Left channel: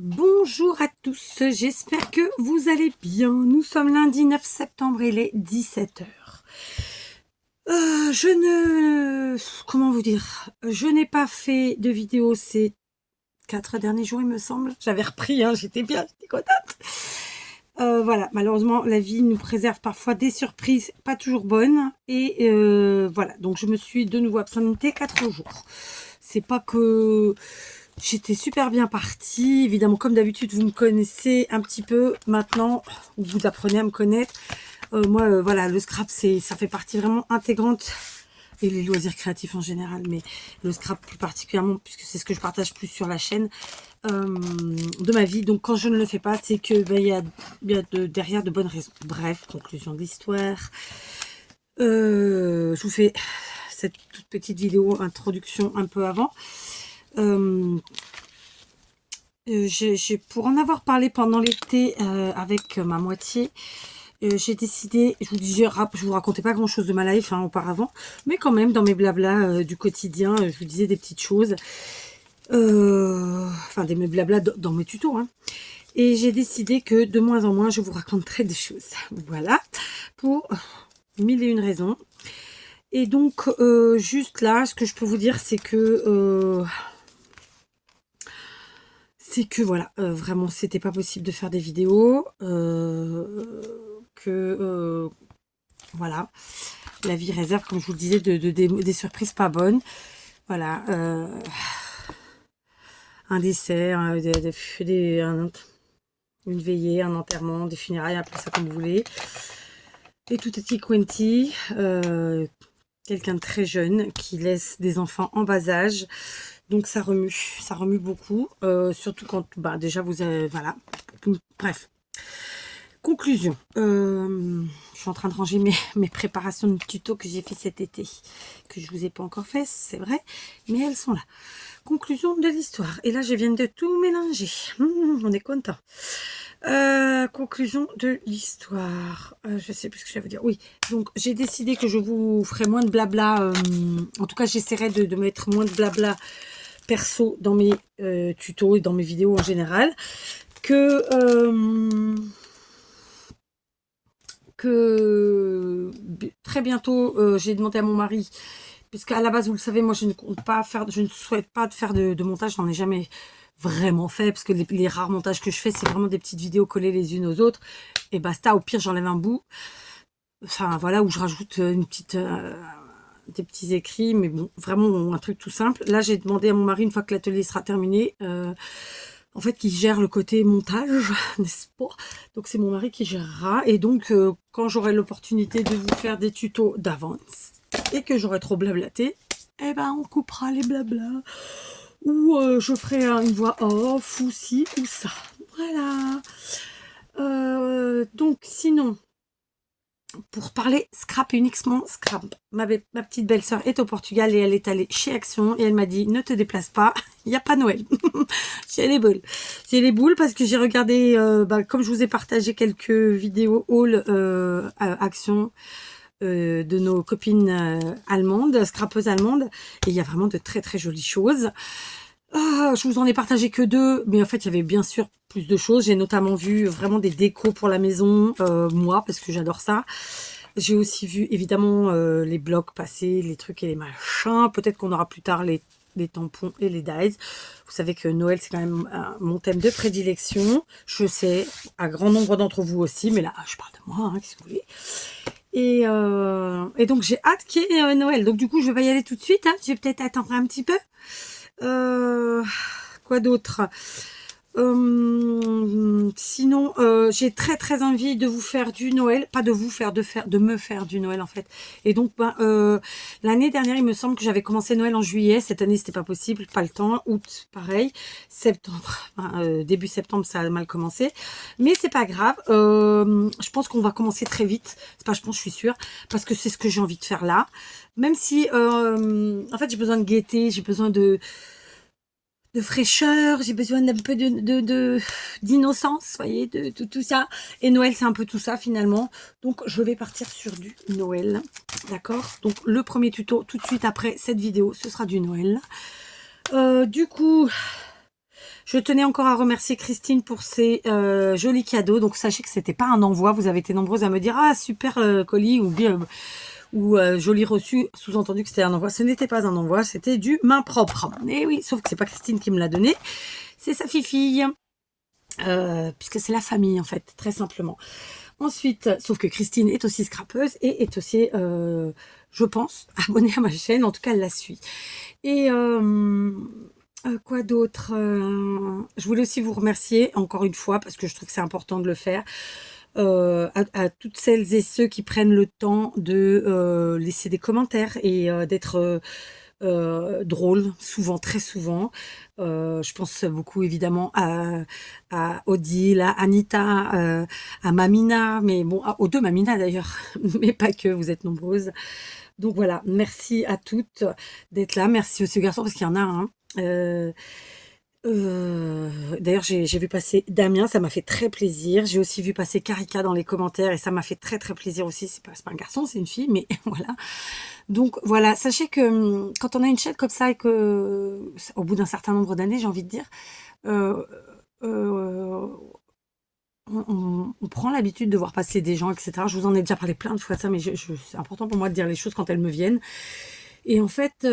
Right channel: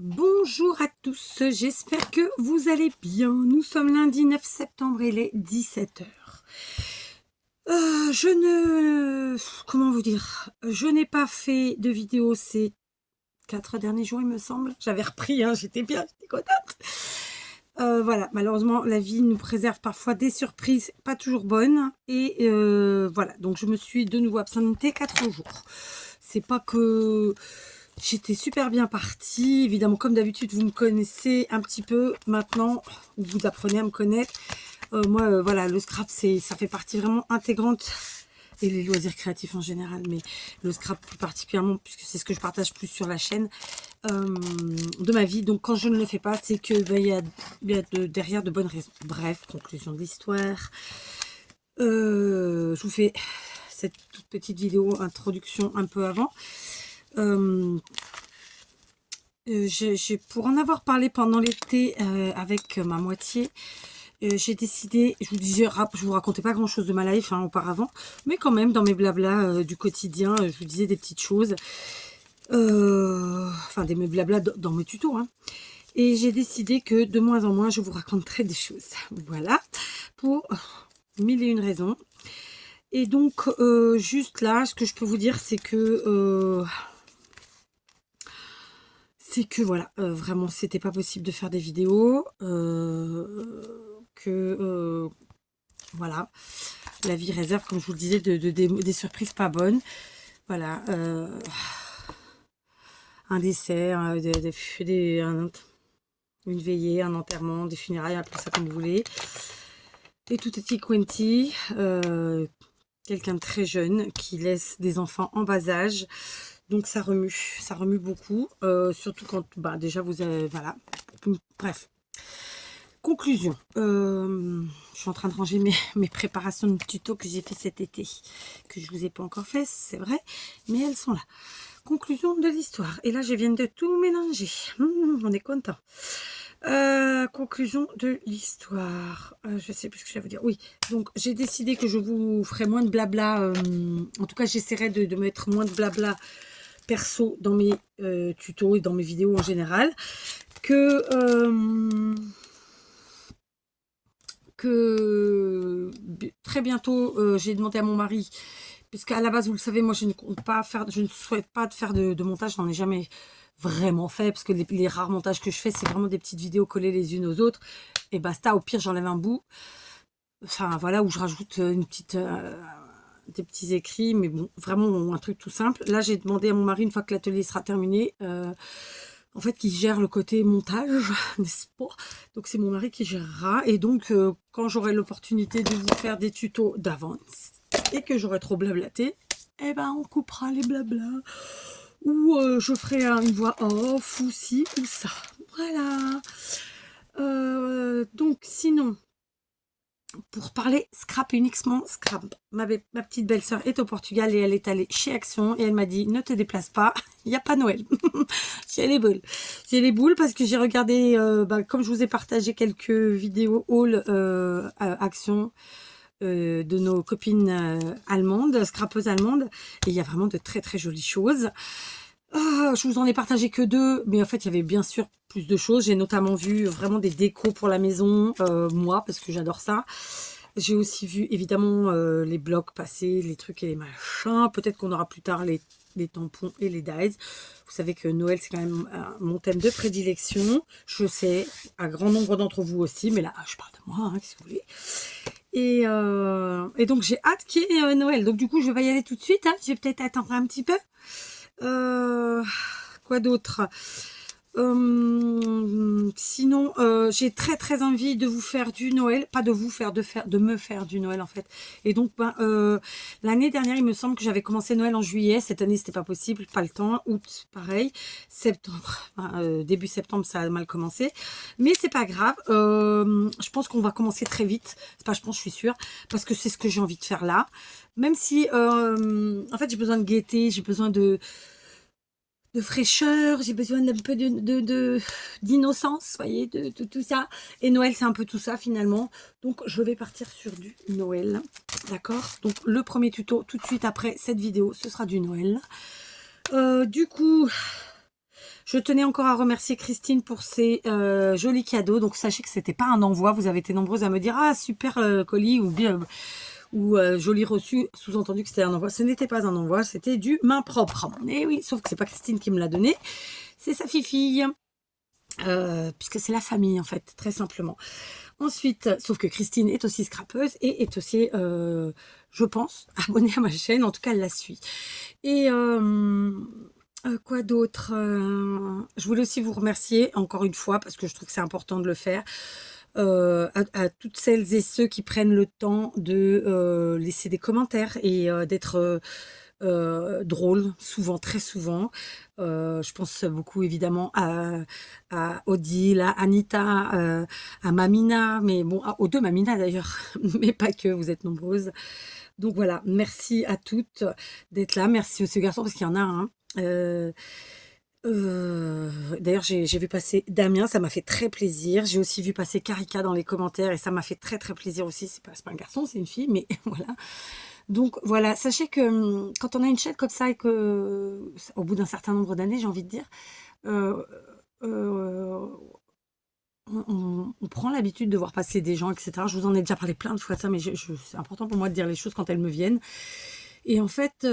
Bonjour à tous, j'espère que vous allez bien. Nous sommes lundi 9 septembre, il est 17 heures. Comment vous dire? Je n'ai pas fait de vidéo ces 4 derniers jours, il me semble. J'avais repris, hein, j'étais contente. Voilà, malheureusement, la vie nous préserve parfois des surprises pas toujours bonnes. Et voilà, donc je me suis de nouveau absentée 4 jours. C'est pas que j'étais super bien partie. Évidemment, comme d'habitude, vous me connaissez un petit peu maintenant, ou vous apprenez à me connaître. Moi, voilà, le scrap, ça fait partie vraiment intégrante, et les loisirs créatifs en général, mais le scrap plus particulièrement, puisque c'est ce que je partage plus sur la chaîne, de ma vie. Donc quand je ne le fais pas, c'est que il y a derrière de bonnes raisons. Bref, conclusion de l'histoire. Je vous fais cette toute petite vidéo introduction un peu avant. Pour en avoir parlé pendant l'été avec ma moitié, j'ai décidé, je vous racontais pas grand chose de ma life auparavant, mais quand même dans mes blablas du quotidien, je vous disais des petites choses, enfin des mes blablas dans mes tutos, hein. Et j'ai décidé que de moins en moins je vous raconterai des choses, voilà, pour mille et une raisons. Et donc juste là, ce que je peux vous dire, c'est que voilà, vraiment c'était pas possible de faire des vidéos, voilà, la vie réserve, comme je vous le disais, des surprises pas bonnes. Voilà, un décès, une veillée, un enterrement, des funérailles, appelez ça comme vous voulez. Et tout est quanti, quelqu'un de très jeune qui laisse des enfants en bas âge. Donc ça remue beaucoup, surtout quand déjà vous avez, voilà, bref. Conclusion, je suis en train de ranger mes préparations de tuto que j'ai fait cet été, que je vous ai pas encore fait, c'est vrai, mais elles sont là. Conclusion de l'histoire, et là je viens de tout mélanger, on est content. Conclusion de l'histoire, je sais plus ce que j'allais vous dire. Oui, donc j'ai décidé que je vous ferai moins de blabla, en tout cas j'essaierai de mettre moins de blabla perso dans mes tutos et dans mes vidéos en général, que très bientôt, j'ai demandé à mon mari, puisqu'à la base, vous le savez, moi je ne compte pas faire, je ne souhaite pas faire de montage, je n'en ai jamais vraiment fait, parce que les rares montages que je fais, c'est vraiment des petites vidéos collées les unes aux autres, et basta. Au pire, j'enlève un bout, enfin voilà, où je rajoute des petits écrits, mais bon, vraiment un truc tout simple. Là, j'ai demandé à mon mari, une fois que l'atelier sera terminé, en fait, qui gère le côté montage, n'est-ce pas? Donc c'est mon mari qui gérera, et donc quand j'aurai l'opportunité de vous faire des tutos d'avance et que j'aurai trop blablaté, eh ben on coupera les blablas, ou je ferai une voix off, ou ci ou ça, voilà. Donc sinon, pour parler scrap, uniquement scrap, ma petite belle-sœur est au Portugal et elle est allée chez Action et elle m'a dit ne te déplace pas, il n'y a pas Noël. J'ai les boules. J'ai les boules parce que j'ai regardé, comme je vous ai partagé quelques vidéos haul Action de nos copines allemandes, scrapeuses allemandes, et il y a vraiment de très très jolies choses. Je vous en ai partagé que 2, mais en fait il y avait bien sûr plus de choses. J'ai notamment vu vraiment des décos pour la maison, moi, parce que j'adore ça. J'ai aussi vu évidemment les blocs passer, les trucs et les machins. Peut-être qu'on aura plus tard les tampons et les dies. Vous savez que Noël, c'est quand même mon thème de prédilection. Je sais, à grand nombre d'entre vous aussi, mais là, je parle de moi, qu'est-ce que vous voulez. Et donc, j'ai hâte qu'il y ait Noël. Donc, du coup, je vais pas y aller tout de suite. Je vais peut-être attendre un petit peu. Quoi d'autre? Sinon, j'ai très très envie de vous faire du Noël, pas de vous faire, de me faire du Noël en fait. Et donc, l'année dernière, il me semble que j'avais commencé Noël en juillet. Cette année, c'était pas possible, pas le temps. Août, pareil. Septembre, début septembre, ça a mal commencé. Mais c'est pas grave. Je pense qu'on va commencer très vite. C'est pas, je pense, je suis sûre, parce que c'est ce que j'ai envie de faire là. Même si, en fait, j'ai besoin de gaieté, j'ai besoin de fraîcheur, j'ai besoin d'un peu d'innocence, voyez, de tout ça. Et Noël, c'est un peu tout ça finalement. Donc, je vais partir sur du Noël, d'accord? Donc, le premier tuto, tout de suite après cette vidéo, ce sera du Noël. Du coup, Je tenais encore à remercier Christine pour ses jolis cadeaux. Donc sachez que c'était pas un envoi. Vous avez été nombreuses à me dire ah super colis ou bien joli reçu, sous-entendu que c'était un envoi. Ce n'était pas un envoi, c'était du main propre. Et oui, sauf que c'est pas Christine qui me l'a donné, c'est sa fille, puisque c'est la famille en fait, très simplement. Ensuite, sauf que Christine est aussi scrapeuse et est aussi, je pense, abonnée à ma chaîne. En tout cas, elle la suit. Et quoi d'autre? Je voulais aussi vous remercier encore une fois parce que je trouve que c'est important de le faire. À toutes celles et ceux qui prennent le temps de laisser des commentaires et d'être drôles, souvent, très souvent. Je pense beaucoup évidemment à Odile, à Anita, à Mamina, mais bon, aux deux Mamina d'ailleurs, mais pas que, vous êtes nombreuses. Donc voilà, merci à toutes d'être là. Merci aussi aux garçons parce qu'il y en a un. D'ailleurs, j'ai vu passer Damien, ça m'a fait très plaisir. J'ai aussi vu passer Karika dans les commentaires et ça m'a fait très très plaisir aussi. C'est pas un garçon, c'est une fille, mais voilà. Donc voilà, sachez que quand on a une chaîne comme ça et que au bout d'un certain nombre d'années, j'ai envie de dire, euh, euh, on prend l'habitude de voir passer des gens, etc. Je vous en ai déjà parlé plein de fois de ça, mais c'est important pour moi de dire les choses quand elles me viennent. Et en fait,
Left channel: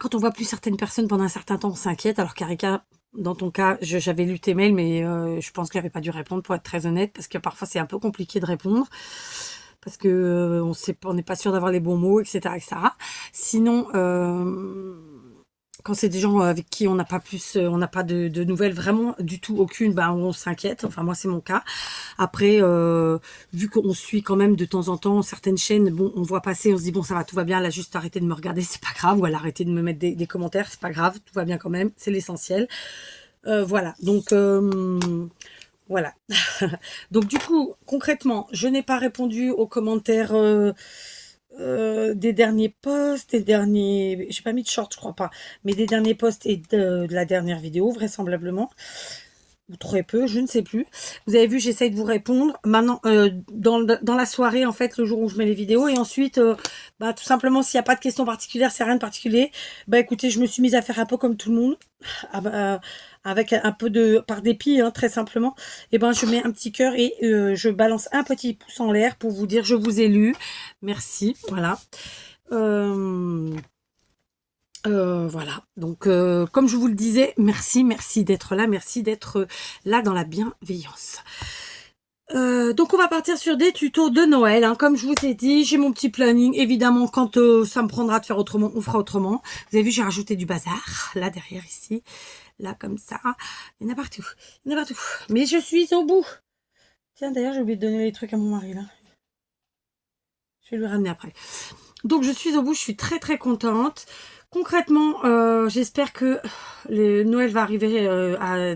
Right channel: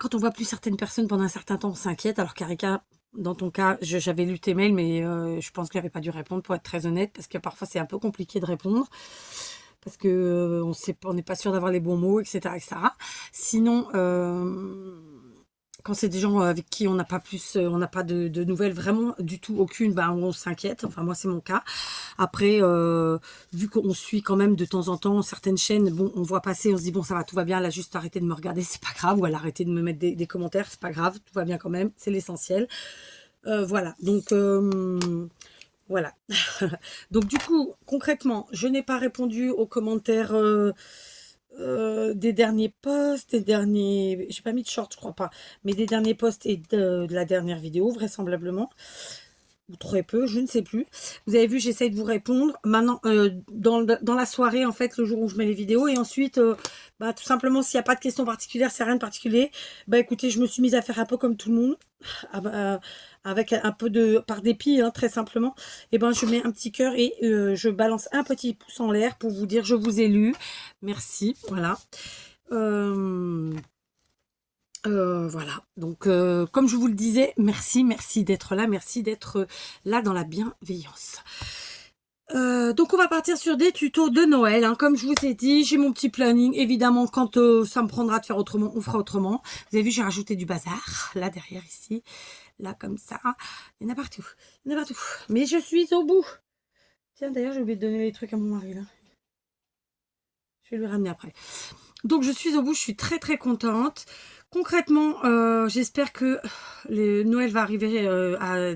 quand on voit plus certaines personnes pendant un certain temps, on s'inquiète. Alors Karika, dans ton cas, j'avais lu tes mails, mais je pense que j'avais pas dû répondre pour être très honnête, parce que parfois c'est un peu compliqué de répondre, parce que on n'est pas sûr d'avoir les bons mots, etc., etc. Sinon, quand c'est des gens avec qui on n'a pas on n'a pas de nouvelles vraiment du tout, aucune, on s'inquiète. Enfin moi c'est mon cas. Après, vu qu'on suit quand même de temps en temps certaines chaînes, bon, on voit passer, on se dit bon ça va, tout va bien, elle a juste arrêté de me regarder, c'est pas grave, ou elle a arrêté de me mettre des commentaires, c'est pas grave, tout va bien quand même, c'est l'essentiel. Voilà, donc voilà. Donc du coup, concrètement, je n'ai pas répondu aux commentaires des derniers posts, des derniers... J'ai pas mis de short, je crois pas. Mais des derniers posts et de la dernière vidéo, vraisemblablement. Ou très peu, je ne sais plus. Vous avez vu, j'essaye de vous répondre. Maintenant, dans la soirée, en fait, le jour où je mets les vidéos. Et ensuite, tout simplement, s'il n'y a pas de questions particulières, c'est rien de particulier. Écoutez, je me suis mise à faire un peu comme tout le monde. Avec un peu de... Par dépit, hein, très simplement. Et je mets un petit cœur et je balance un petit pouce en l'air pour vous dire je vous ai lu. Merci, voilà. Voilà, donc comme je vous le disais, merci d'être là, merci d'être là dans la bienveillance. Donc on va partir sur des tutos de Noël, hein. Comme je vous ai dit, j'ai mon petit planning, évidemment quand ça me prendra de faire autrement, on fera autrement. Vous avez vu, j'ai rajouté du bazar, là derrière ici, là comme ça, il y en a partout, mais je suis au bout. Tiens d'ailleurs j'ai oublié de donner les trucs à mon mari là, je vais lui ramener après. Donc je suis au bout, je suis très très contente. Concrètement, j'espère que le Noël va arriver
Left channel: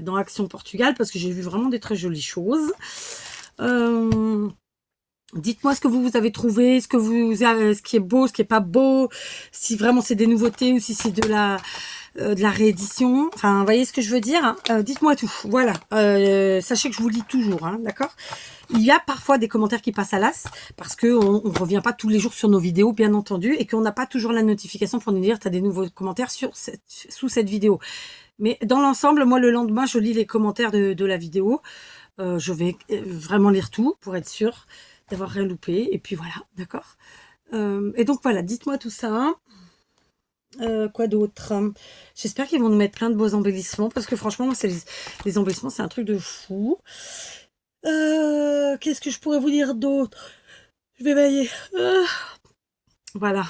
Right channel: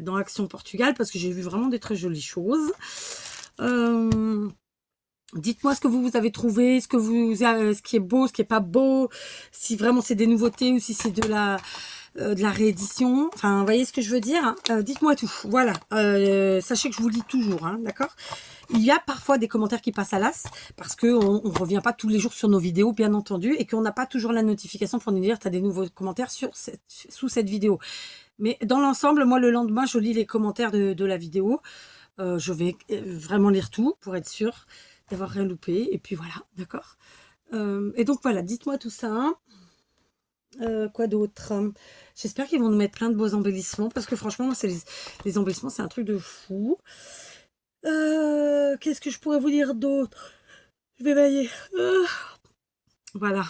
dans Action Portugal parce que j'ai vu vraiment des très jolies choses. Dites-moi ce que vous avez trouvé, ce qui est beau, ce qui est pas beau, si vraiment c'est des nouveautés ou si c'est de la réédition. Enfin, vous voyez ce que je veux dire, hein. Dites-moi tout. Voilà. Sachez que je vous lis toujours, hein, d'accord? Il y a parfois des commentaires qui passent à l'as parce qu'on ne revient pas tous les jours sur nos vidéos, bien entendu, et qu'on n'a pas toujours la notification pour nous dire tu as des nouveaux commentaires sous cette vidéo. Mais dans l'ensemble, moi, le lendemain, je lis les commentaires de la vidéo. Je vais vraiment lire tout pour être sûre d'avoir rien loupé. Et puis voilà, d'accord. Et donc voilà, dites-moi tout ça. Quoi d'autre? J'espère qu'ils vont nous mettre plein de beaux embellissements parce que franchement, moi, les embellissements, c'est un truc de fou. Qu'est-ce que je pourrais vous dire d'autre? Je vais bailler. Voilà.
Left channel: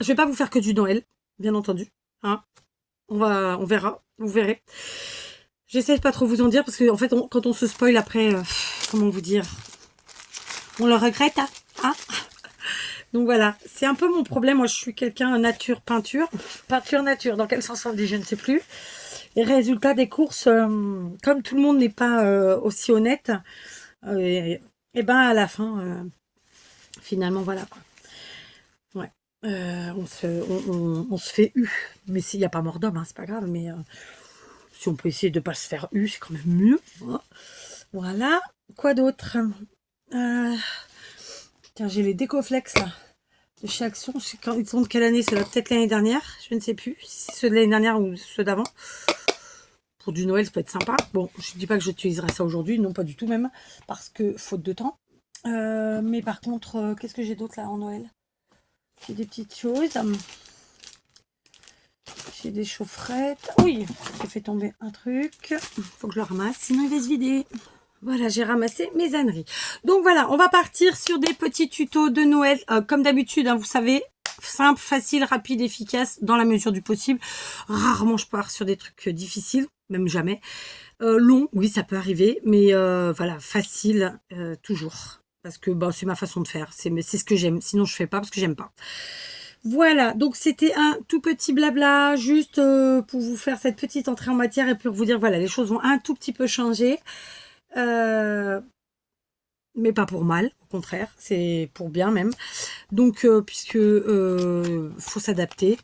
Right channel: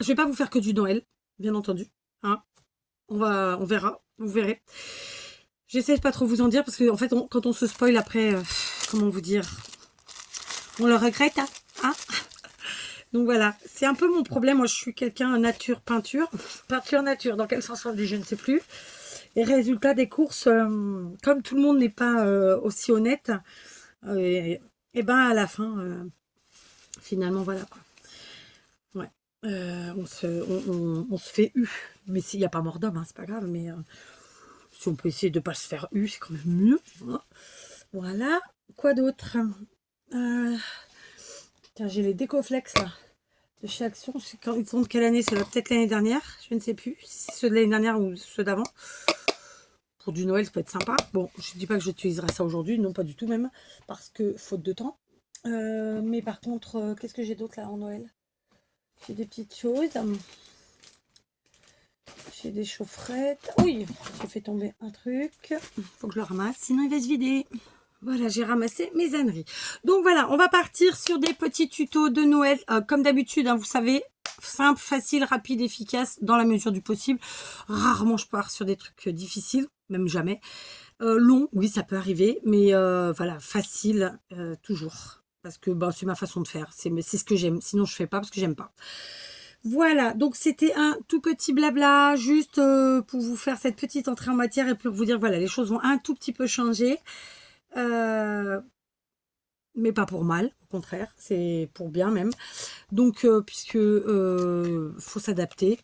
Je vais pas vous faire que du Noël, bien entendu. Hein, on verra. Vous verrez. J'essaie de pas trop vous en dire parce que en fait, quand on se spoil après, comment vous dire, on le regrette. Hein. Donc voilà, c'est un peu mon problème. Moi, je suis quelqu'un nature, peinture nature. Dans quel sens on dit, je ne sais plus. Les résultats des courses, comme tout le monde n'est pas aussi honnête, et à la fin, finalement, voilà. Ouais. On se fait eu. Mais s'il n'y a pas mort d'homme, hein, c'est pas grave. Mais si on peut essayer de ne pas se faire eu, c'est quand même mieux. Voilà. Quoi d'autre? Tiens, j'ai les décoflex là. de chez Action. Je sais quand ils sont de quelle année, c'est peut-être l'année dernière. Je ne sais plus si c'est ceux de l'année dernière ou ceux d'avant. Pour du Noël, ça peut être sympa. Bon, je ne dis pas que j'utiliserai ça aujourd'hui, non pas du tout même, parce que faute de temps. Mais par contre, qu'est-ce que j'ai d'autre là en Noël? J'ai des petites choses. J'ai des chaufferettes. Oui, j'ai fait tomber un truc. Faut que je le ramasse, sinon il va se vider. Voilà, j'ai ramassé mes âneries. Donc voilà, on va partir sur des petits tutos de Noël. Comme d'habitude, hein, vous savez, simple, facile, rapide, efficace, dans la mesure du possible. Rarement je pars sur des trucs difficiles, même jamais. Long, oui, ça peut arriver, mais voilà, facile, toujours. Parce que bah, c'est ma façon de faire. C'est ce que j'aime. Sinon, je fais pas parce que j'aime pas. Voilà, donc c'était un tout petit blabla, juste pour vous faire cette petite entrée en matière et pour vous dire, voilà, les choses vont un tout petit peu changer. Mais pas pour mal, au contraire, c'est pour bien même. Donc, puisque faut s'adapter,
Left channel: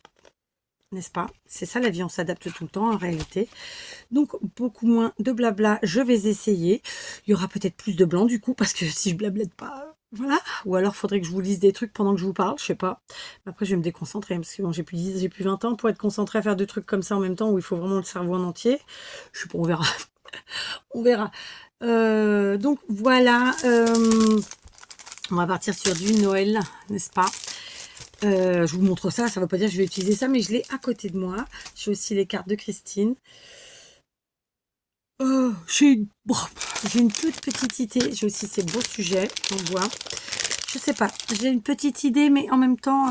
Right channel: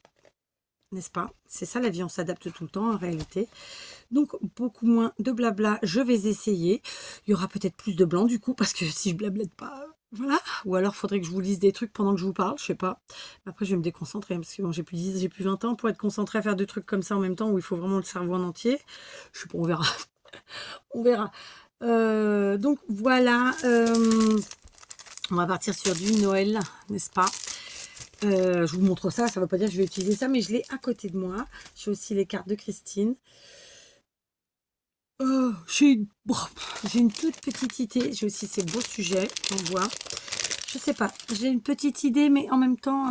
n'est-ce pas? C'est ça la vie, on s'adapte tout le temps en réalité. Donc, beaucoup moins de blabla, je vais essayer. Il y aura peut-être plus de blanc du coup, parce que si je blablate pas, voilà. Ou alors, il faudrait que je vous lise des trucs pendant que je vous parle, je sais pas. Après, je vais me déconcentrer, parce que bon, j'ai plus 20 ans pour être concentré à faire deux trucs comme ça en même temps, où il faut vraiment le cerveau en entier. Je sais pas, on verra. On verra. Donc voilà, on va partir sur du Noël, n'est-ce pas? Je vous montre ça, ça ne veut pas dire que je vais utiliser ça, mais je l'ai à côté de moi. J'ai aussi les cartes de Christine. J'ai une toute petite idée. J'ai aussi ces beaux sujets, on voit. Je sais pas, j'ai une petite idée, mais en même temps,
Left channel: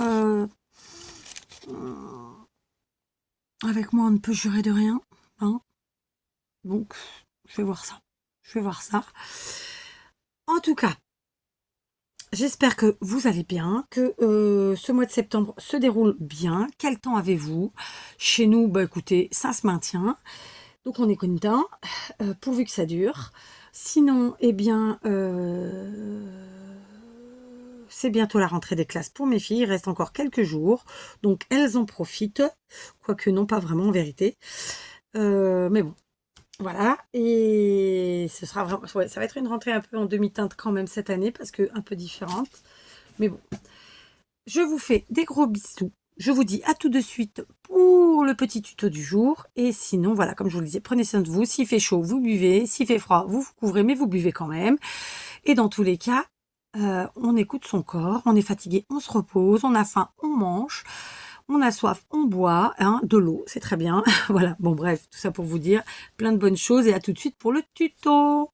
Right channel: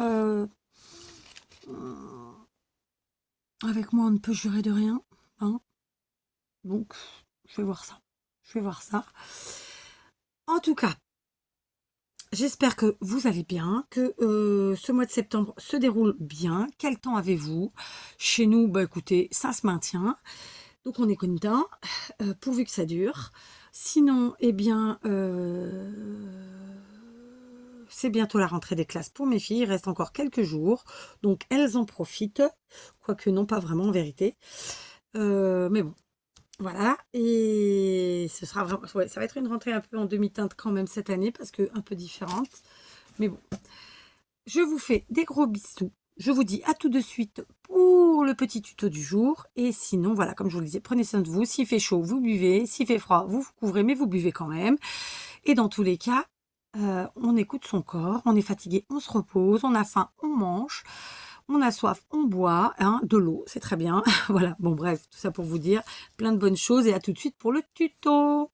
avec moi, on ne peut jurer de rien. Hein, donc, je vais voir ça. Je vais voir ça. En tout cas, j'espère que vous allez bien, que ce mois de septembre se déroule bien. Quel temps avez-vous? Chez nous, bah écoutez, ça se maintient. Donc on est content, pourvu que ça dure. Sinon, eh bien, c'est bientôt la rentrée des classes pour mes filles. Il reste encore quelques jours. Donc elles en profitent. Quoique non, pas vraiment en vérité. Mais bon, voilà, et ce sera vraiment, ouais, ça va être une rentrée un peu en demi-teinte quand même cette année, parce que un peu différente. Mais bon, je vous fais des gros bisous. Je vous dis à tout de suite pour le petit tuto du jour. Et sinon, voilà, comme je vous le disais, prenez soin de vous. S'il fait chaud, vous buvez. S'il fait froid, vous vous couvrez, mais vous buvez quand même. Et dans tous les cas, on écoute son corps. On est fatigué, on se repose. On a faim, on mange. On a soif, on boit, hein, de l'eau, c'est très bien. Voilà, bon bref, tout ça pour vous dire plein de bonnes choses et à tout de suite pour le tuto.